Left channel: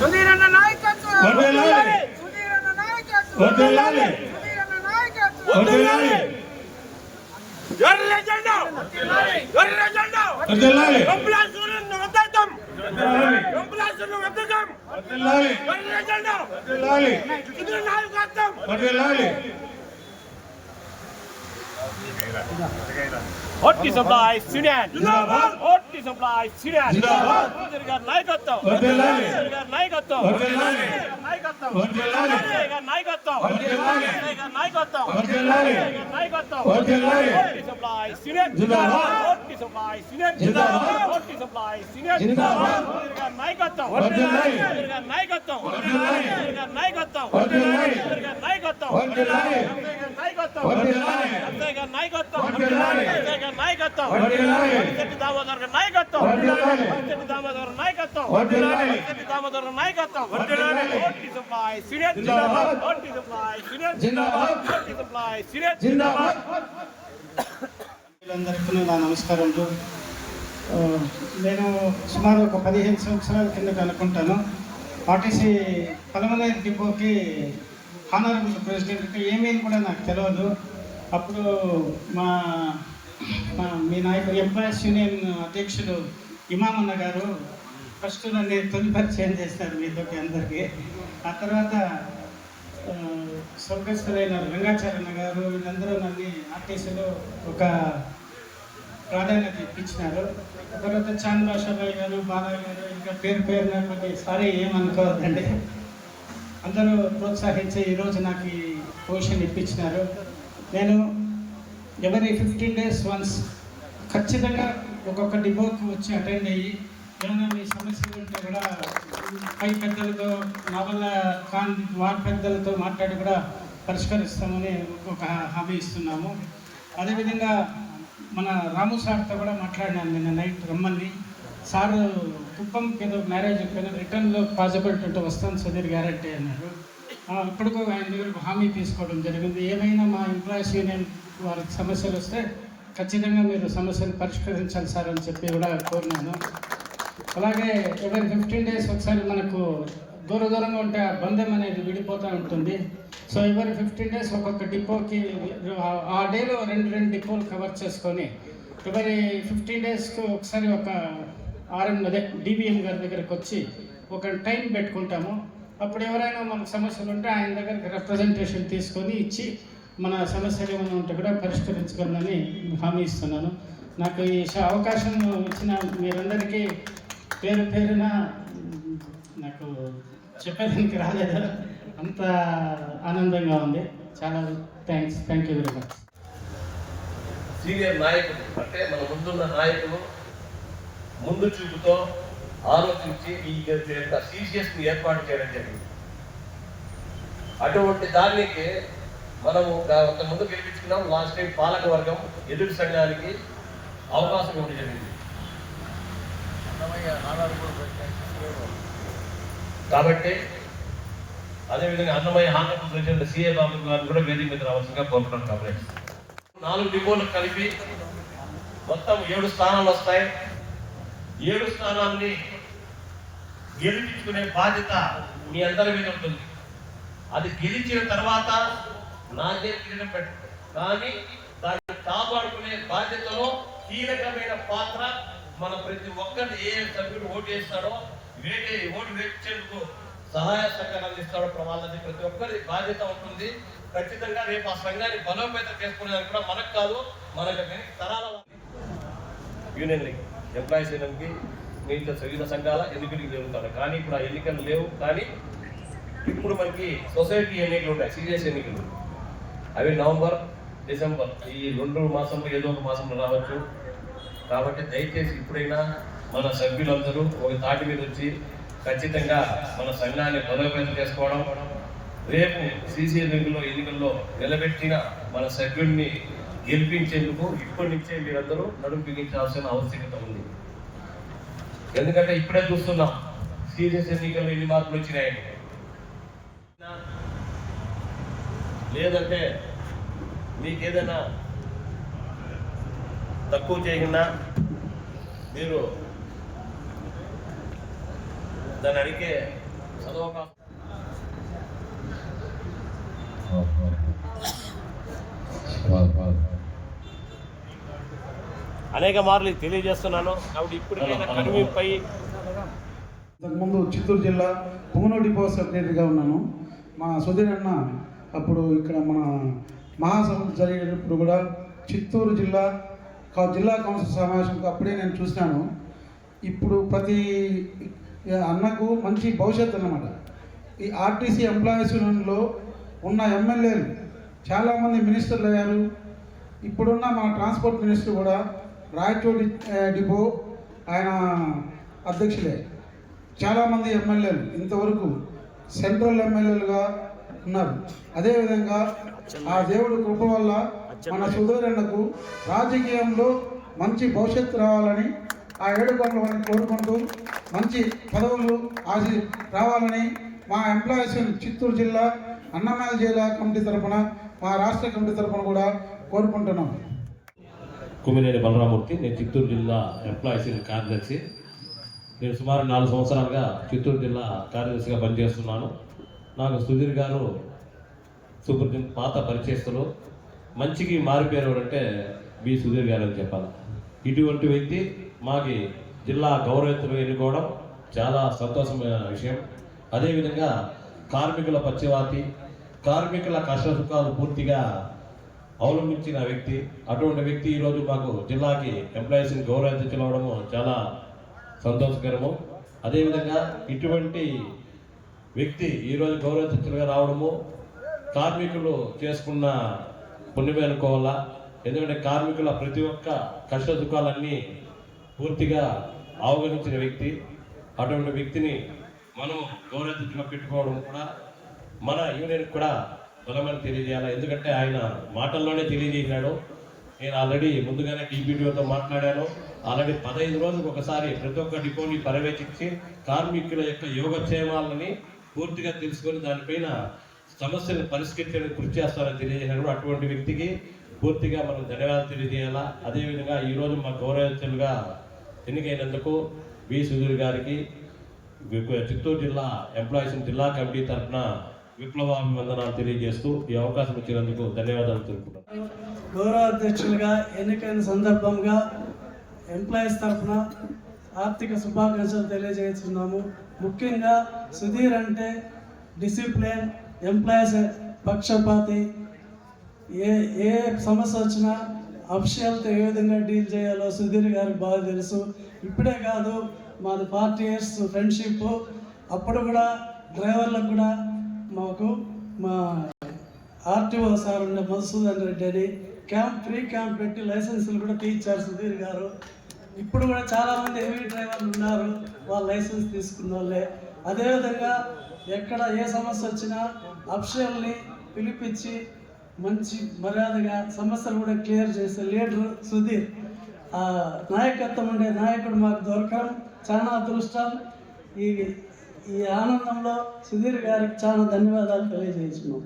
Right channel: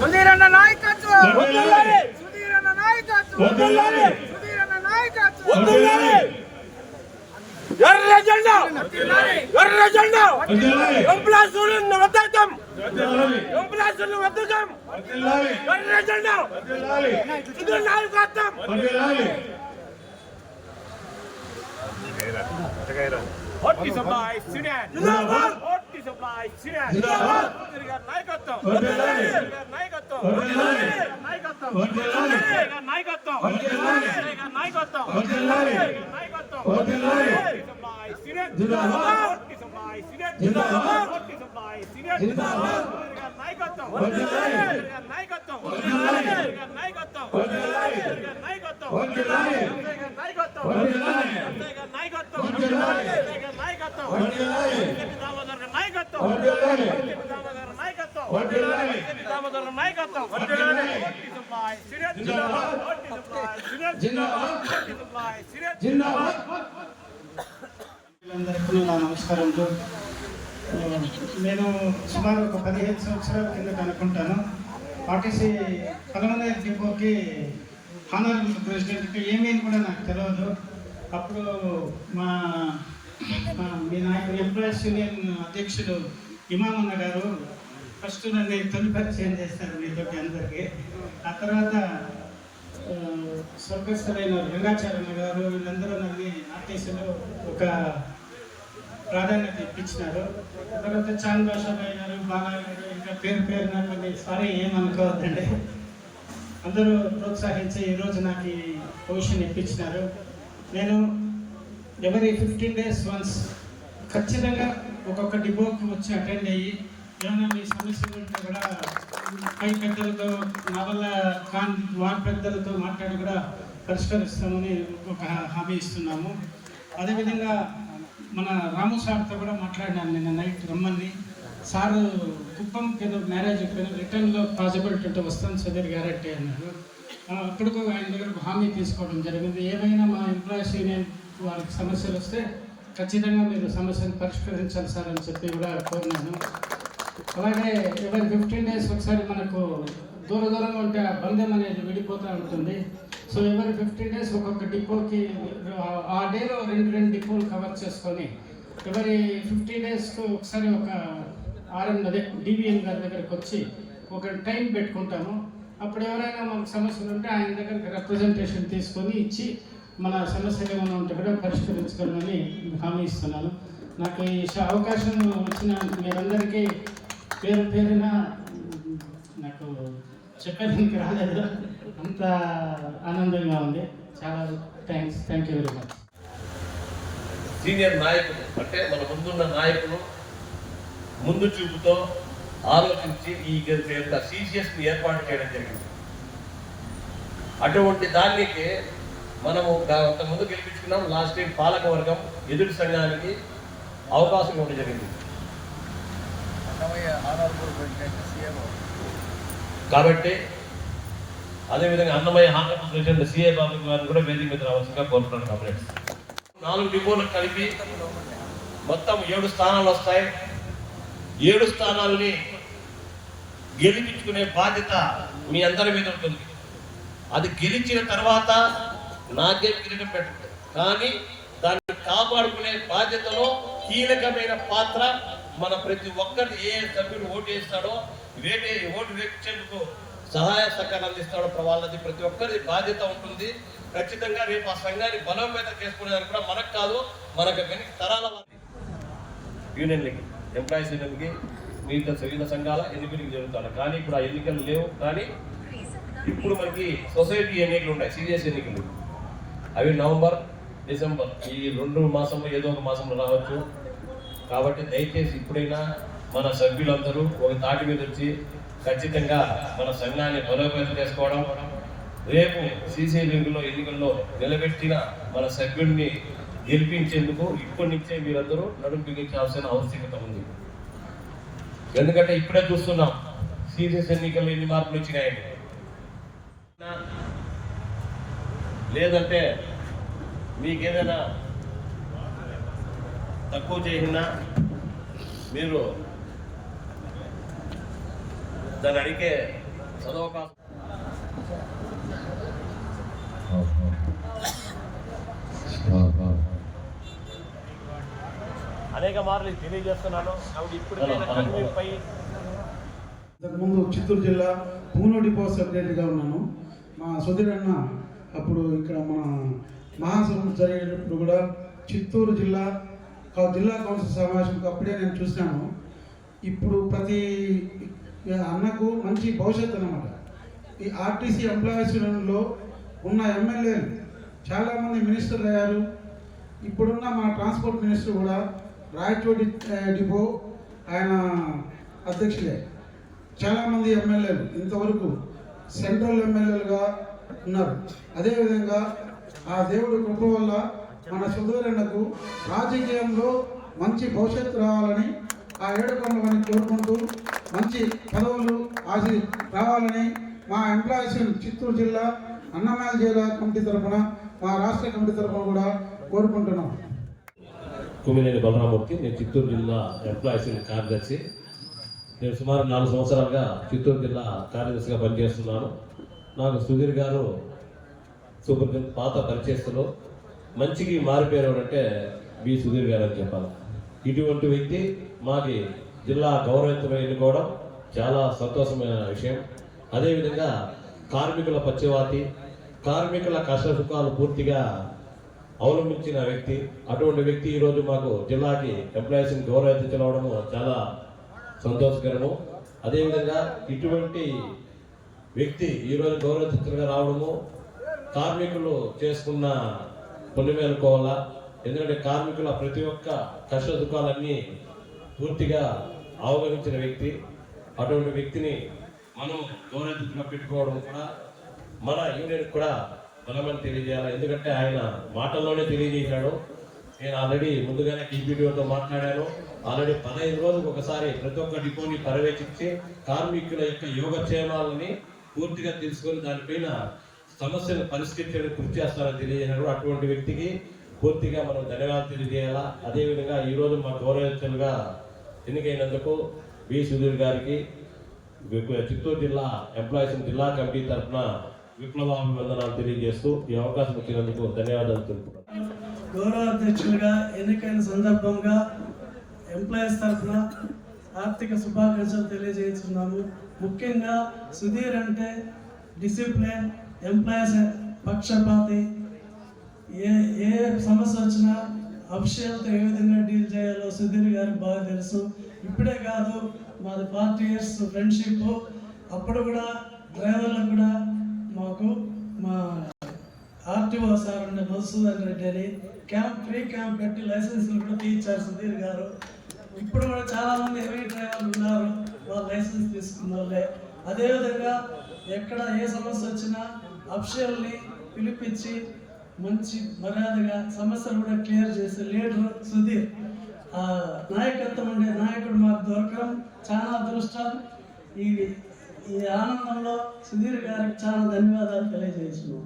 సుధీరన్న నాయకత్వం, సుధీరన్న నాయకత్వం, సుధీరన్న నాయకత్వం. ఎర్ర జెండా, ఎర్ర జెండా, ఎంప్లాయీలను వద్దకం, ఎంప్లాయీలను వద్దకం, ఎర్ర జెండా, సుధీర్ నాయకత్వం. Hoti supply Sudan. Hoti supply Sudan. Sudirgar naikatvam. Sudirgar naikatvam. Naikatvam. Sudirgar naikatvam. Sudirgar naikatvam. Sudirgar naikatvam. Hoti supply Sudan. Hoti supply Sudan. Hoti supply Sudan. Sudirgar naikatvam. Sudirgar naikatvam. Sudirgar naikatvam. Sudirgar naikatvam. Sudirgar naikatvam. Sudirgar naikatvam. నాయకత్వం, దామోదర్ నాయకత్వం, దామోదర్ నాయకత్వం, దామోదర్ నాయకత్వం. ఓటి supply సిడెట్, ఓటి supply సిడెట్, ఓటి supply సిడెట్. అందరికీ నా నమస్కారములు. నేను సుమారు ఒక 15 సంవత్సరాల కిందట అనుకుంటాను ఆర్టీసీ పలమనేరు డిపోకి హానరబుల్ ప్రెసిడెంట్కి ఏమేమి కూడా నాకు తెలియదు. అప్పుడు మీ నాయకుడు ఎంప్లాయీస్ యూనియన్ అధ్యక్షుడు ఇమామన్న గారు ఫస్ట్ నన్ను తొలి పరిచయం చేస్తారు మీతోటి అందరికీ. ఆ తర్వాత స్వర్గస్థులైన రంగాచార్య గారు వీళ్ళందరూ నన్ను ఆర్టీసీలో ఒక ప్రాధాన్యత ఇప్పించినారు. తర్వాత చాంద్ భాషాబాయి గారు, బాలాయ్ గారు, ఇంకా పేరున కొన్ని సారీ ఏమనుకోవద్దండి, అందరూ ప్రోత్సహించి ఈరోజు నాకు ఈ పొజిషన్ ఇప్పించినారు. నేను ఎవరీ 15 days వన్స్ ఖచ్చితంగా ఒక్కొక్క డిపోకి వచ్చి అటెండ్ అయ్యి ఏమైనా మీ సమస్యలు ఉంటే కూడా పై పెద్దలతో నా వల్ల వార్డు పెద్దలతో మాట్లాడి కూడా పరిష్కరిస్తామని ఒక హామీ ఇస్తున్నాము. అదేవిధంగా మన రాము సార్తో కూడా మాట్లాడినాను నిన్న నైట్ రమ్మని. సారు కుప్పంకి ఏదో మ్యారేజ్ రిటర్న్లో పాసిబిలిటీ ఉంటే వస్తాను సుధీర్ గ్యారెంటీ అన్నారు. అప్పటికో ఆయన దగ్గర హామీ తీసుకోవడం జరిగింది. ఏమైనా మా ఎంప్లాయీస్ యూనియన్ వారికి సమస్యలు వస్తే ఖచ్చితంగా మీరు సమస్యను పరిష్కరించాలి సార్ అని చెప్పి కూడా కోరినాను. అలాగే ఎవరి 15 days ఒకసారి మనకు దూరంగా ఉంటే ఆ బంధం అనేది విడిపోతూ ఉంటుంది. సో ఎవరి 15 days ఒక్కొక్క డిపోకి ఆ డేలో 2 డిపోలు కవర్ చేసుకొని ఎవరి 15 daysకి ఒకసారి ఒక డివిఎం గారి దగ్గరికి వచ్చి ఒక టైం పెట్టుకుంటాము. అప్పుడు ఎవరైనా మనకు సమస్యలు ఉంటే ఆయన దగ్గరికి రిప్రజెంటేషన్ తీసుకొని ఇచ్చి మన సమస్యలు ఏమైనా ఉంటే కూడా పరిష్కరించగలనని హామీ ఇస్తున్నాను. నాకు ఈ అవకాశం వచ్చిన మీరందరికీ పేరున నాకు చెప్పేదానికి రాలేదు, అంత ఆనందంగా ఉంది. చాలా thank you very much. Senior నాయకులు అంటే మన ముందున్న నాయకులు ముందు చూపుతో ఆలోచించి ఈ సిసిఎస్ని ఏర్పాటు చేయడం జరిగింది. అటువంటి దానికి మనము ముందు గెలిపించుకున్నాం. లాస్ట్ టైం పాలక వర్గం ఎదుటి సంఘానికి అవకాశం ఇవ్వడం జరిగింది. కాబట్టి అదేవిధంగా అన్నమయ్య హానరబుల్ ప్రెసిడెంట్ సిఏ రావు గారిని కూడా వేదిక మీద రావాల్సిందిగా కోరుతున్నాను. కంప్లైంట్స్ 4 డిపోలు కలిపి మొత్తం 7 స్థానాలు వస్తాయి. 7 స్థానాలని గెలిపించుకునే బాధ్యత మీ అందరి మీద ఉంటుంది. అది గెలిచిన తర్వాత నాకే కిరీటం పెట్టు, కానీ దాన్ని కాపాడుకునే బాధ్యతలో కీలకమైన పాత్ర మన ప్రతి ఒక్కరు ఏ సభ్యుడు ఓటు వేస్తాడో ఓటు వేయించేందుకు సహాయ సహకారం అందిస్తాడో వాళ్ళది ప్రతి ఒక్కరి బాధ్యత ఉంటుంది. ఖచ్చితంగా రేపు ఆ సంఘాన్ని బలోపేతం చేసుకునేదానికి కూడా మనకు కాదు, మనకు తరాల యూనియన్లకి ఎంప్లాయీస్ యూనియన్కి మిగతా వివిధ సంఘాల ఎన్నికలకు జరుగుతాడు. కానీ ఇప్పుడు ఆ ఎన్నికలు లేవు. కానీ ఇప్పుడు మనకి సొసైటీ ఎన్నికలు ఉన్నాయి, సీరియస్ ఎన్నికలు. అవి నవంబర్, డిసెంబర్ ఈ 2 మాసంలో ఏదో ఒక మాసంలో రావచ్చు. కాబట్టి దయచేసి ఇప్పుడైనా మన సభ్యులందరూ ఒక తాటి మీద వచ్చి ఖచ్చితంగా మన సంఘాన్ని బలోపేతం చేసుకోవడం, రేపు సీసీ ఎన్నికల్లో నిలబెట్టిన మన సభ్యుడిని గెలిపించేందుకు ఇప్పటి నుంచే మీరందరూ నడుము బిగించాల్సిన ఆవశ్యకత ఉంది. ఎందుకంటే ఇప్పుడే చూస్తున్నాం సీరియస్ ఎన్నికల్లో ఎన్ని మార్పులు వచ్చినాయని. లేదంటే మీకేదైనా తక్కువ చేసినా మీరు దాన్ని అడిగే చదవకాశం అనేక మార్లు తెలియజేస్తున్నాను. కాబట్టి ఇప్పటికైనా కనువిపై ఇంతకుముందు చిత్తూరు జిల్లా పుంగనూరు డిపో సెక్రటరీగా ఉన్నాను. మా సుధీర్ అన్న అప్పుడు ఇక్కడ మన మహాసభలు జరిగేటప్పుడు కూడా చిత్తూరు జిల్లా కౌన్సిల్ సమావేశం అప్పుడే నేను చూసినాను. ఇప్పుడు ప్రతి అన్నకు మంచి భవిష్యత్తు అన్నమాట. ఈ ఆర్టీసీ ఎంప్లాయీస్ యూనియన్లో ఉన్న ఎమ్మెల్యేలు చాలామంది మినిస్టర్లు అయ్యారు. ఇప్పుడున్న మన ట్రాన్స్పోర్ట్ మినిస్టర్ కూడా రాయచోటి డిపో ఆయన అధ్యక్షులే. చాలామంది ఎమ్మెల్యేలు ఇంతవరకు సెంట్రల్ ఎమ్మెల్యేలుగా ఉన్నారు. అదేవిధంగా ఆ దేవుడి కృప వల్ల మన సుధీరన్నకు రాజకీయంలో మంచి భవిష్యత్తు రావాలని ఆ ఏడుకొండలని కోరుకుంటూ మంచి పదవులు రావాలని మా ఎంప్లాయీస్ చిత్తూరు జిల్లా అన్నమయ్య జిల్లా కమిటీ తరఫున మా రాష్ట్ర కమిటీ తరఫున కూడా కోరుకుంటున్నాం. కుమ్మినేని బలరామూర్తి, నేను చిత్తూరు జిల్లా ఎంప్లాయీస్ కార్యదర్శి. నేను సుమారు 4 సంవత్సరాలుగా చిత్తూరు జిల్లా కార్యదర్శిగా పనిచేస్తున్నాను. నాకు సుధీర్ గారు సూపర్ పాత పరిచయస్తులు, మంచికి మారిపోయేవారంటే బి సుధీర్ గారు అని చెప్పాలి. ఇటువంటి వ్యక్తి మాకి జిల్లా గౌరవవంతులు ఎన్నుకోవడం చాలా సంతోషమైన విషయం. అదేవిధంగా కార్మికుల పక్షవాతి, కార్మికుల కష్ట సుఖాలు పూర్తిగా అవలంబించిన వ్యక్తి. అటువంటి వ్యక్తి ఈరోజు మాకు జిల్లాకి ఎంప్లాయీస్ని గౌరవాధ్యక్షులు అవడము చాలా సంతోషకరము. అదేవిధంగా ఇటువంటి వ్యక్తి ఈరోజు గౌరవాధ్యక్షులుగా రావడము కార్మికులు చేసుకున్న పుణ్యమే అనుకోవాలా. ఎందుకంటే కార్మికుల ప్రతి ఒక్క కష్ట సుఖాలన్నీ పూర్తిగా అవగణించిన వ్యక్తి. అటువంటి వ్యక్తిని మనం గౌరవాధ్యక్షులుగా పెట్టుకోవడం కూడా మన యూనియన్కి కూడా బలమని తెలియజేయాలి. ఎందుకంటే ఆయన మాటల్లోనే తెలియజేసినాడు. నేను ఆల్రెడీ ముందుగానే డిప్యూటీతో మాట్లాడాను. ఆల్రెడీ 15 రోజులకు ఒకసారి ప్రతి ఒక్క డిపోని పర్యవేక్షించి కార్మికుల యొక్క యోగక్షేమాలని పూర్తిగా తెలుసుకొని దానిపైన సమస్యను పరిష్కరించడానికి కృషి చేస్తానని తెలియజేసినాడు. అటువంటి వ్యక్తికి పూర్తిగా మనం ధన్యవాదాలు తెలియజేయాలా. అదేవిధంగా ఈరోజు మా గౌరవస్తులుగా ఎన్నికైనందుకు బి సుధీర్ గారికి చిత్తూరు జిల్లా ఎంప్లాయీస్ జిల్లా కమిటీ తరఫున విప్లవాభివందనాలు తెలియజేస్తూ ఈ అవకాశం ఇచ్చినందుకు ధన్యవాదాలు తెలుపుతున్నాను. గౌరవ అధ్యక్షులుగా ఎన్నికైన సందర్భంగా ఎంప్లాయీస్ తరఫున ఆర్థిక శుభాకాంక్షలు తెలియజేస్తున్నాము. ముఖ్యంగా సుధీర్ అంటే డిసిప్లిన్, ఎంప్లాయీస్ పక్షపాతి, ఏ సమస్య వచ్చినా అఫిషియల్తో ఏ విధంగా డీల్ చేయాలో సుధీర్ గారికి బాగా తెలుసు. ఇప్పుడే కాదు, మాది 40 years ఫ్రెండ్షిప్. అప్పుడు కూడా డ్రైవర్లకు కూడా మాకు మా ఆర్టీఓ సార్ ఉండే మధుసూదన్ రెడ్డి అని ఫ్రీ క్యాంప్ పెట్టి లైసెన్సులు కూడా తీయించారు సుధీర్ గారు. ఇప్పుడు కూడా చాలామంది హెవీ డ్రైవర్లు ఉన్నారు, వాళ్ళ లైసెన్స్ తీసుకున్న వాళ్ళే. అదేవిధంగా ఎక్కడ ఏ సమస్య వచ్చినా అఫిషియల్ని పిలిపించి మంచి మర్యాదగా సమస్యలు కూడా క్లియర్ చేసే లీడర్ సుధీర్. ఆ నాయకత్వం ఉండే నాయకుడు మాకు దొరకడం చాలా అదృష్టం. ఈ ఆనందంలో సుధీర్ గారికి చాలా ధన్యవాదాలు తెలియజేస్తున్నాం.